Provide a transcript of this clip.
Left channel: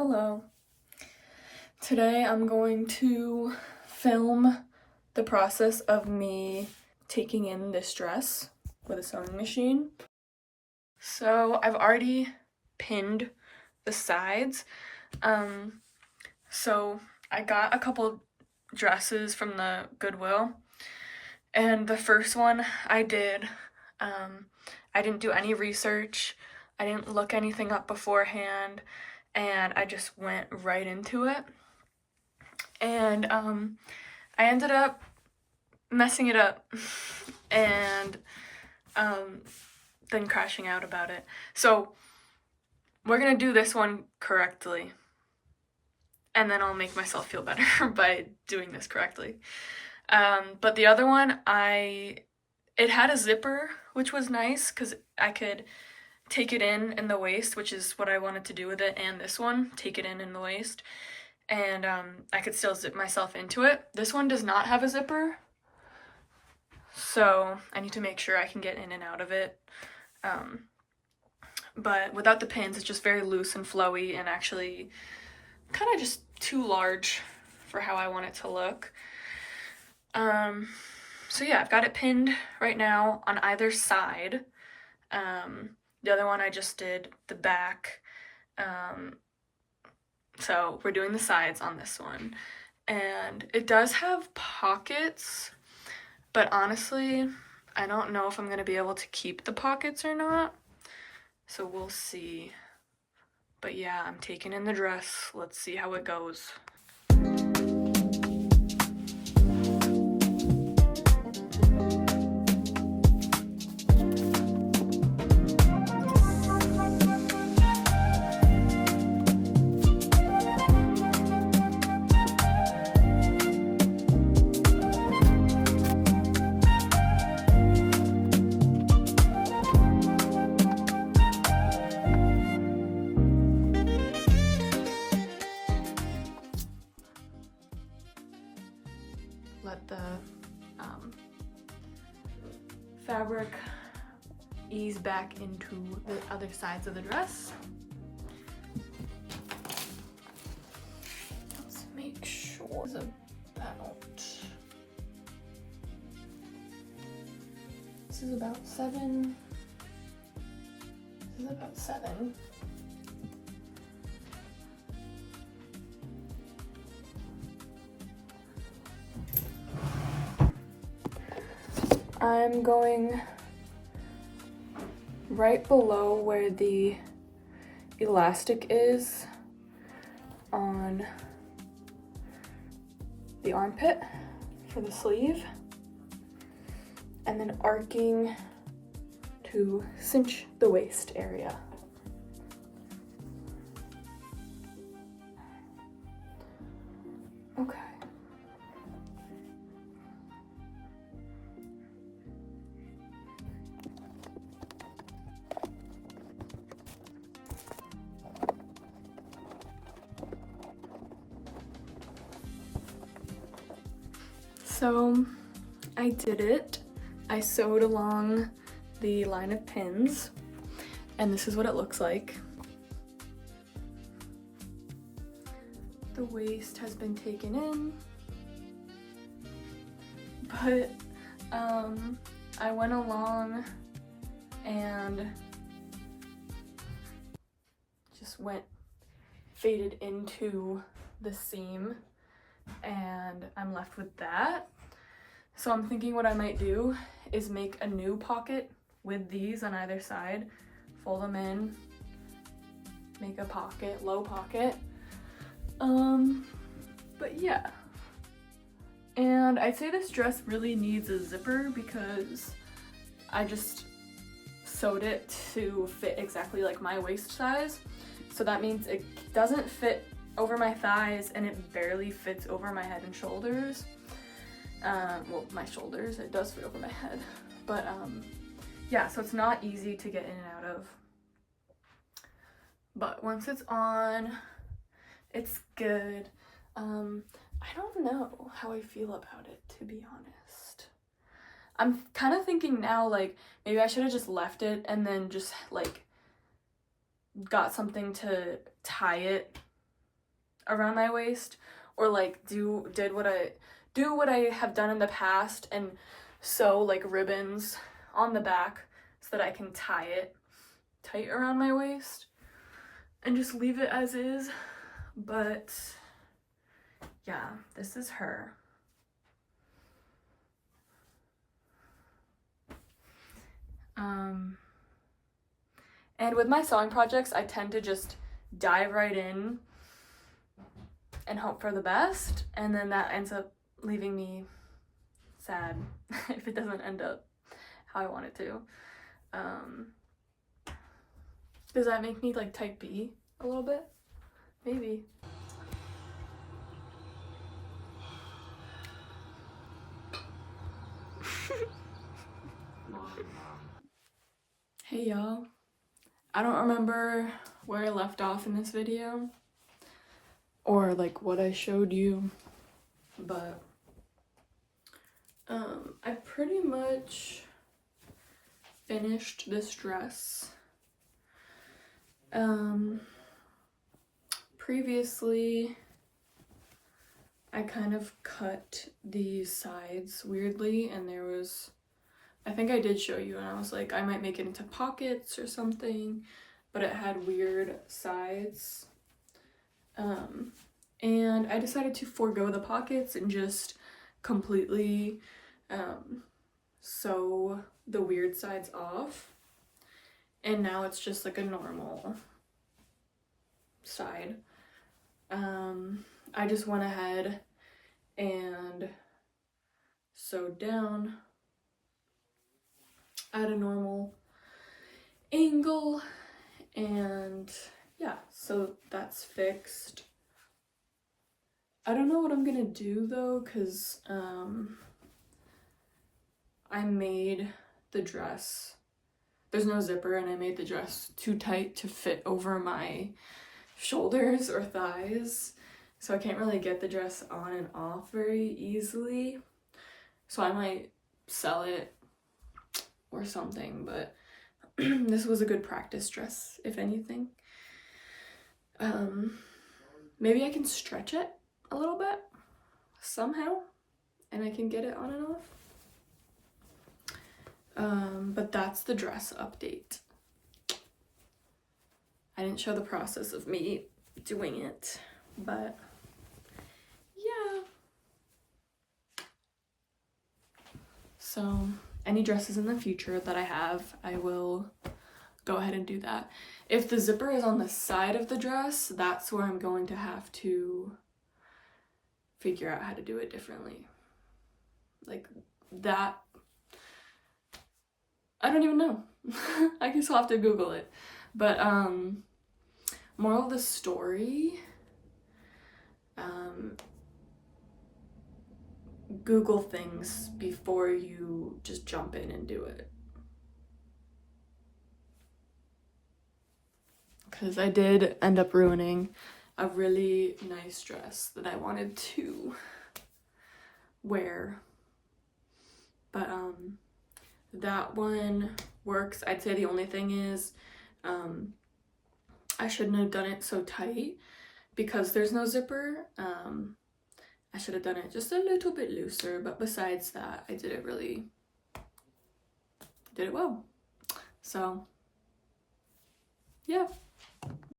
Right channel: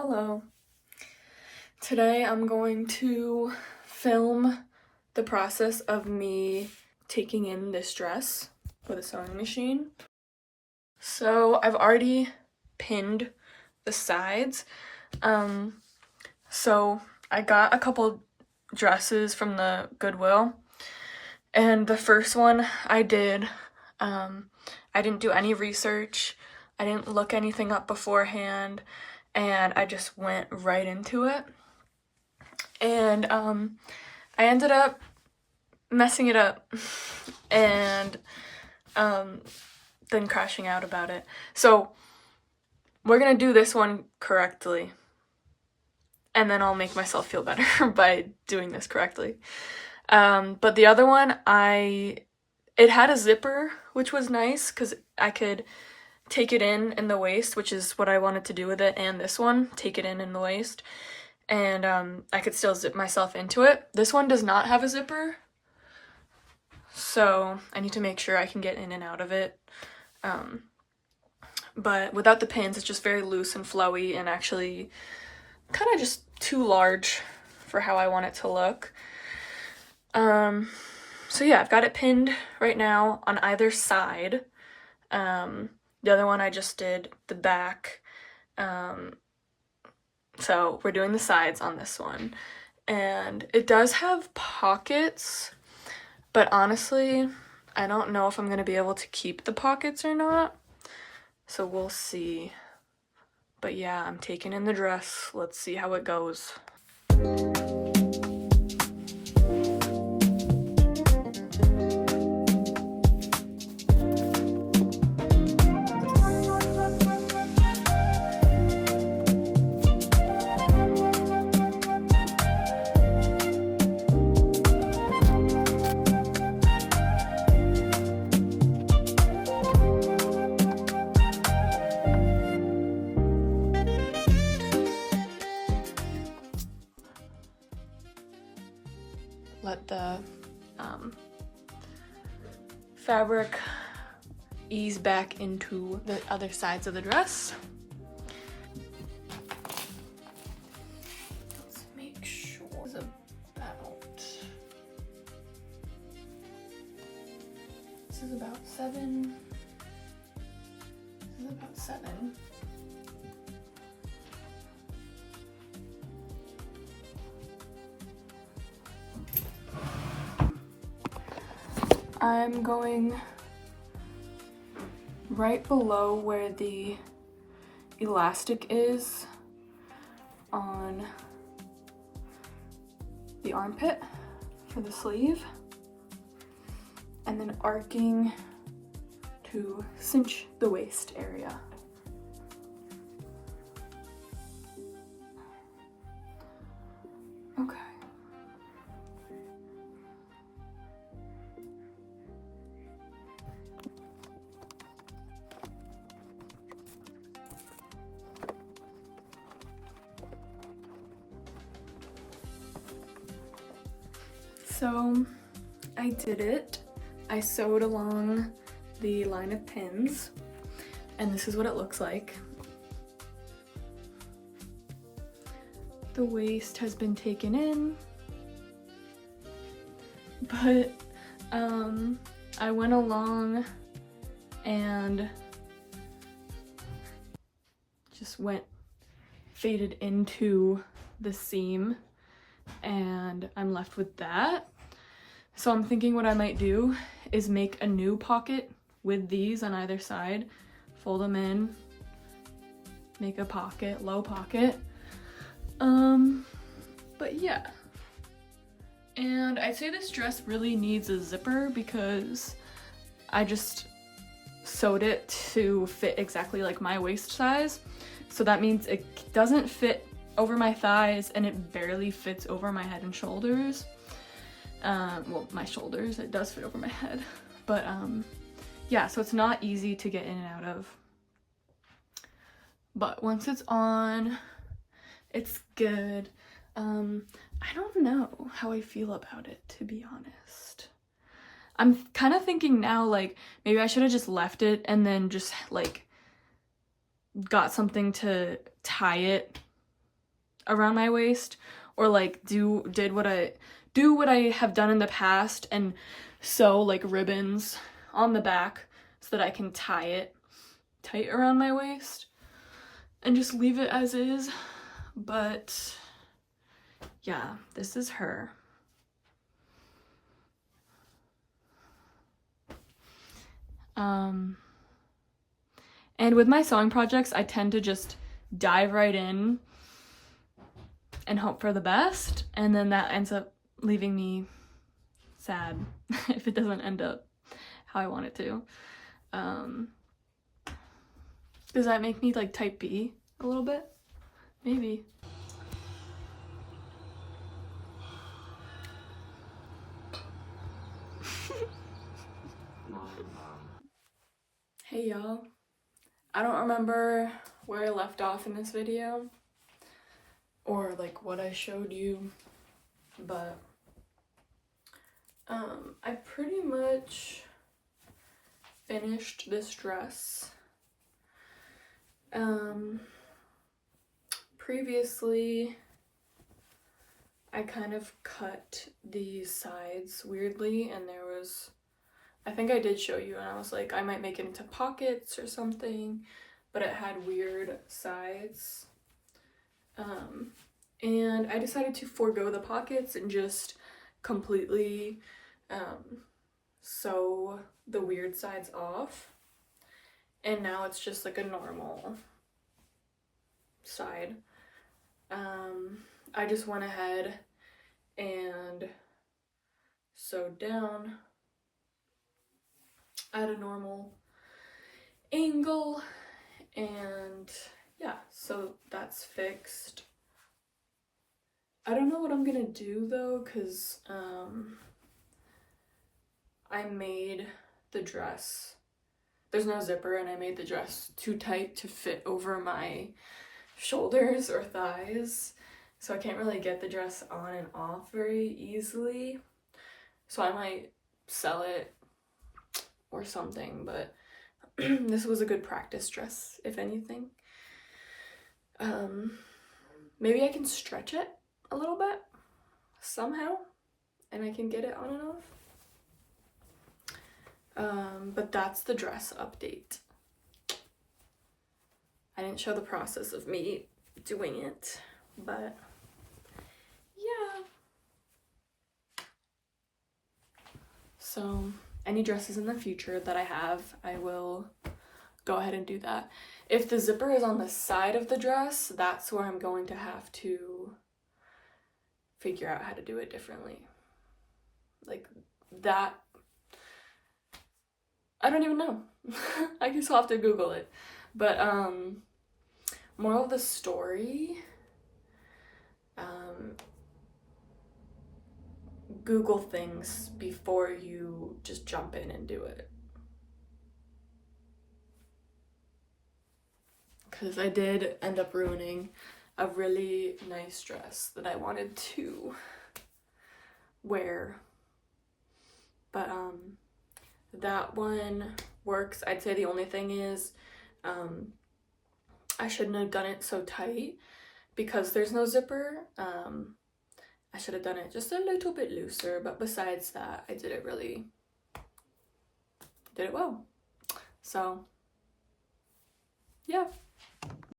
Hello. Today I'm going to film the process of me taking in this dress with a sewing machine. So I've already pinned the sides. So I got a couple dresses from the Goodwill, and the first one I did, I didn't do any research. I didn't look anything up beforehand, and I just went right into it. And I ended up messing it up and then crashing out about it. So we're gonna do this one correctly, and then I'll make myself feel better by doing this correctly. But the other one, it had a zipper, which was nice because I could take it in the waist, which is what I wanted to do with it, and this one, take it in the waist, and I could still zip myself into it. This one does not have a zipper, so I need to make sure I can get in and out of it. But without the pins, it's just very loose and flowy, and actually kind of just too large for how I want it to look. So yeah, I've got it pinned right now on either side. The other one I just did the back. So we're doing the sides on this one. And it does have pockets, but honestly, I don't know if I'm gonna be able to keep the pockets or not. So we'll see. But yeah, I'm taking in the dress. Let's see how it goes. Let the fabric ease back into the other sides of the dress. Let's make sure it's this is about 7. This is about 7. I'm going right below where the elastic is on the armpit for the sleeve, and then arcing to cinch the waist area. Okay. So I did it. I sewed along the line of pins, and this is what it looks like. The waist has been taken in, but I went along and just faded into the seam, and I'm left with that. So I'm thinking what I might do is make a new pocket with these on either side, fold them in, make a pocket, low pocket. But yeah. And I'd say this dress really needs a zipper because I just sewed it to fit exactly like my waist size. So that means it doesn't fit over my thighs, and it barely fits over my head and shoulders. Well, my shoulders, it does fit over my head. But yeah, so it's not easy to get in and out of. But once it's on, it's good. I don't know how I feel about it, to be honest. I'm kind of thinking now, like, maybe I should have just left it and then just, like, got something to tie it around my waist, or like do what I have done in the past and sew like ribbons on the back so that I can tie it tight around my waist and just leave it as is. But yeah, this is her. And with my sewing projects, I tend to just dive right in and hope for the best, and then that ends up leaving me sad if it doesn't end up how I want it to. Does that make me like type B a little bit? Maybe. Hey y'all. I don't remember where I left off in this video or like what I showed you, but I pretty much finished this dress. Previously I kind of cut these sides weirdly, and there was, I think I did show you, and I was like, I might make it into pockets or something, but it had weird sides. And I decided to forego the pockets and just completely sew the weird sides off. And now it's just like a normal side. I just went ahead and sewed down at a normal angle, and yeah, so that's fixed. I don't know what I'm gonna do though, because I made the dress, there's no zipper, and I made the dress too tight to fit over my shoulders or thighs, so I can't really get the dress on and off very easily, so I might sell it or something, but this was a good practice dress, if anything. Maybe I can stretch it a little bit somehow and I can get it on and off. But that's the dress update. I didn't show the process of me doing it, but yeah. So any dresses in the future that I have, I will go ahead and do that. If the zipper is on the side of the dress, that's where I'm going to have to figure out how to do it differently. Like that, I don't even know. I guess I'll have to Google it. But moral of the story, Google things before you just jump in and do it. Because I did end up ruining a really nice dress that I wanted to wear. But that one works. I'd say the only thing is I shouldn't have done it so tight because there's no zipper. I should have done it just a little bit looser, but besides that, I did it well. So yeah.